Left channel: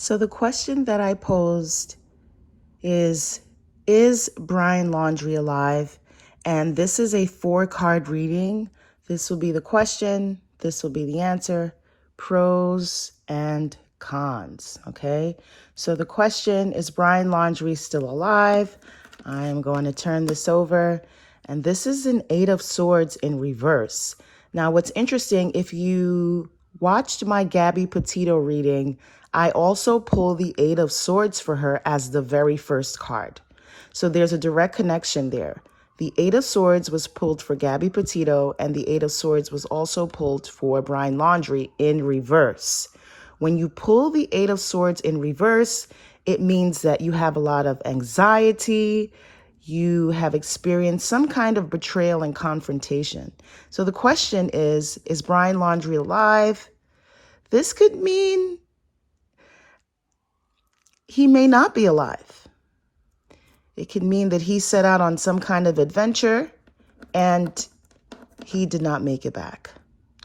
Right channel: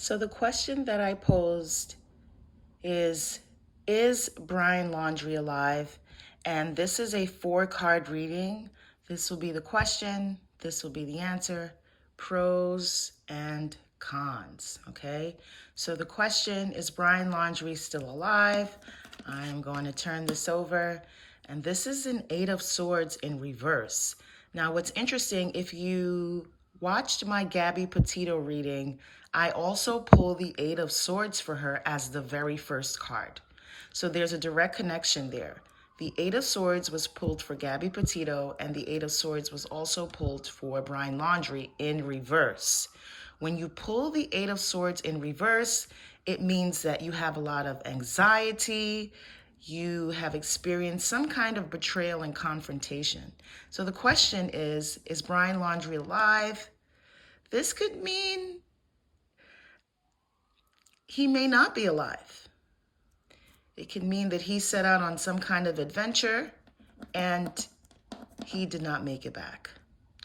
So the question that I posed is Brian Laundrie alive? And this is a 4-card reading. This will be the question, this will be the answer, pros and cons, okay? So the question, is Brian Laundrie still alive? I am going to turn this over, and this is an 8 of Swords in reverse. Now, what's interesting, if you watched my Gabby Petito reading, I also pulled the 8 of Swords for her as the very first card. So there's a direct connection there. The 8 of Swords was pulled for Gabby Petito, and the 8 of Swords was also pulled for Brian Laundrie in reverse. When you pull the 8 of Swords in reverse, it means that you have a lot of anxiety, you have experienced some kind of betrayal and confrontation. So the question is Brian Laundrie alive? This could mean he may not be alive. It could mean that he set out on some kind of adventure and he did not make it back,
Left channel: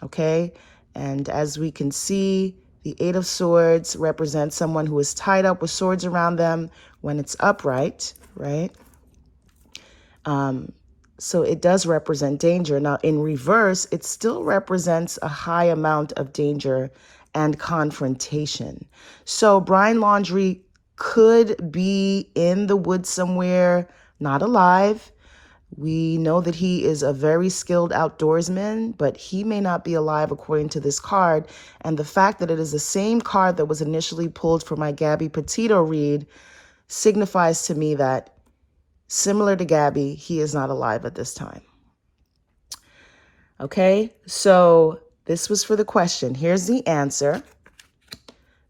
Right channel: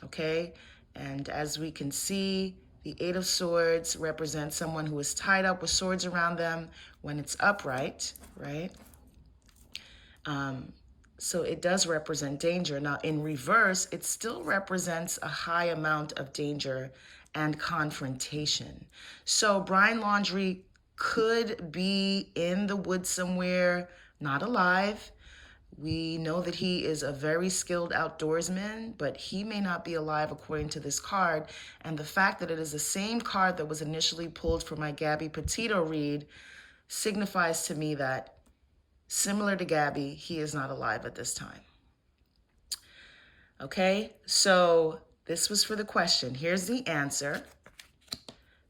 okay? And as we can see, the 8 of Swords represents someone who is tied up with swords around them when it's upright, right? So it does represent danger. Now, in reverse, it still represents a high amount of danger and confrontation. So Brian Laundrie could be in the woods somewhere, not alive. We know that he is a very skilled outdoorsman, but he may not be alive according to this card. And the fact that it is the same card that was initially pulled for my Gabby Petito read signifies to me that, similar to Gabby, he is not alive at this time. Okay, so this was for the question. Here's the answer.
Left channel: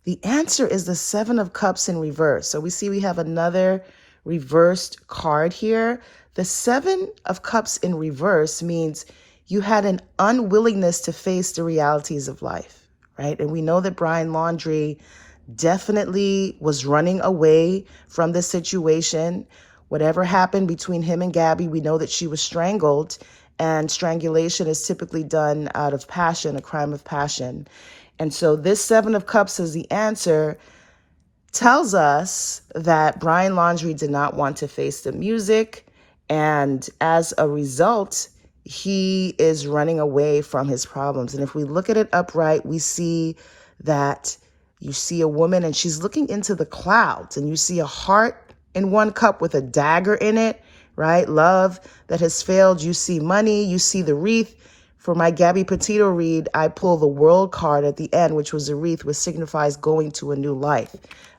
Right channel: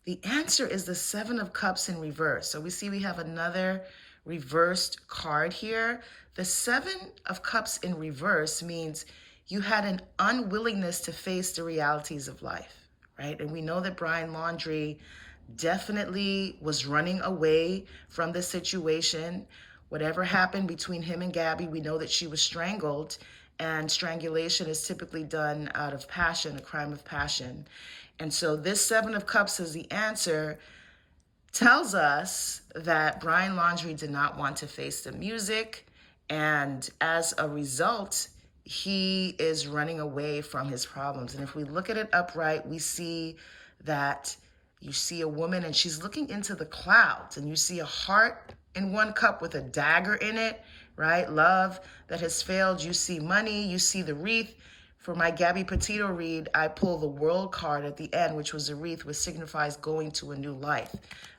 The answer is the 7 of Cups in reverse. So we see we have another reversed card here. The 7 of Cups in reverse means you had an unwillingness to face the realities of life, right? And we know that Brian Laundrie definitely was running away from the situation. Whatever happened between him and Gabby, we know that she was strangled, and strangulation is typically done out of passion, a crime of passion. And so this 7 of Cups as the answer tells us that Brian Laundrie did not want to face the music, and as a result, he is running away from his problems. And if we look at it upright, we see that you see a woman and she's looking into the clouds, and you see a heart in one cup with a dagger in it, right? Love that has failed. You see money, you see the wreath. For my Gabby Petito read, I pull the World card at the end, which was a wreath, which signifies going to a new life,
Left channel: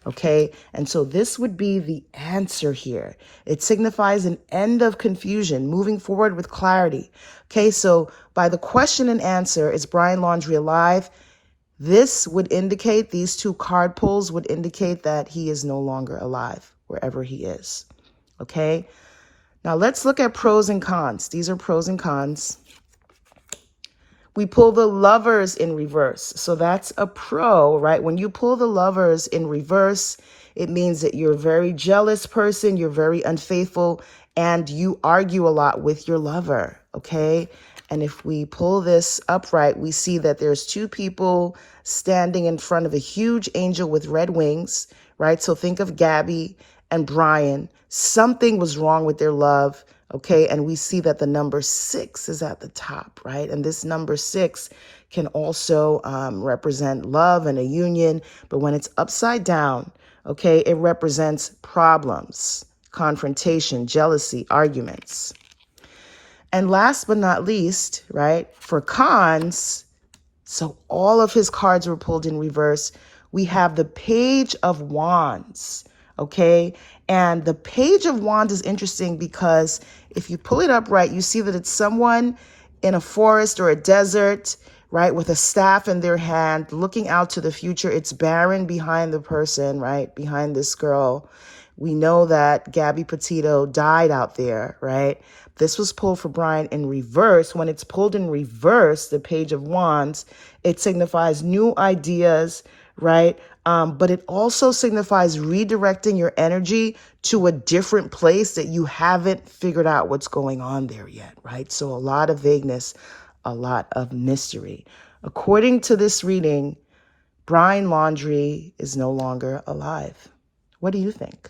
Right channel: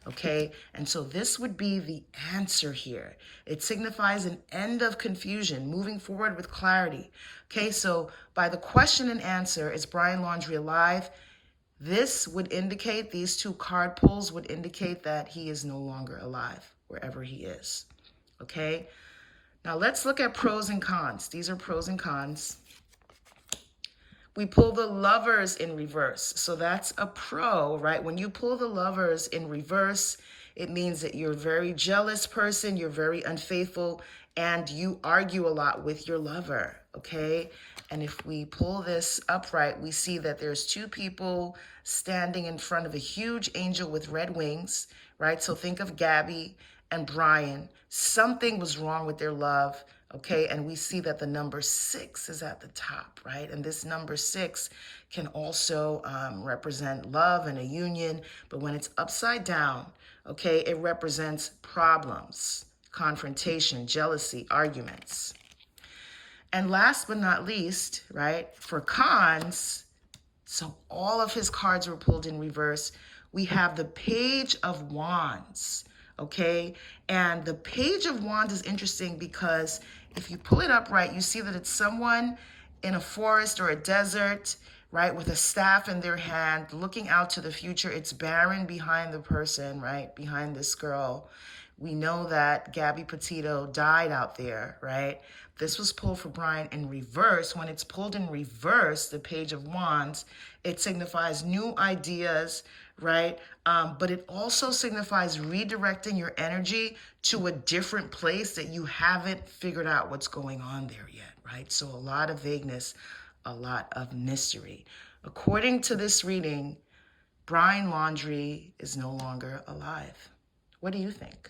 okay? And so this would be the answer here. It signifies an end of confusion, moving forward with clarity, okay? So by the question and answer, is Brian Laundrie alive? This would indicate, these 2 card pulls would indicate that he is no longer alive, wherever he is, okay? Now let's look at pros and cons. These are pros and cons. We pull the Lovers in reverse. So that's a pro, right? When you pull the Lovers in reverse, it means that you're a very jealous person, you're very unfaithful, and you argue a lot with your lover, okay? And if we pull this upright, we see that there's 2 people standing in front of a huge angel with red wings, right? So think of Gabby and Brian. Something was wrong with their love, okay? And we see that the number 6 is at the top, right? And this number 6 can also represent love and a union, but when it's upside down, okay, it represents problems, confrontation, jealousy, arguments. And last but not least, right, for cons, so all of his cards were pulled in reverse. We have the Page of Wands, okay? And the Page of Wands is interesting because if you pull it upright, you see that it's someone in a forest or a desert, right, with a staff in their hand, looking out to the future. It's barren behind the person, right, behind this girl. We know that Gabby Petito died out there, right? This was pulled for Brian in reverse. When it's pulled in reverse, the Page of Wands, it signifies new ideas, right? But it also signifies redirecting your energy to a different place that you haven't figured out what's going on there yet, right? So a lot of vagueness, a lot of mystery. According to this reading, Brian Laundrie is no longer alive. What do you think?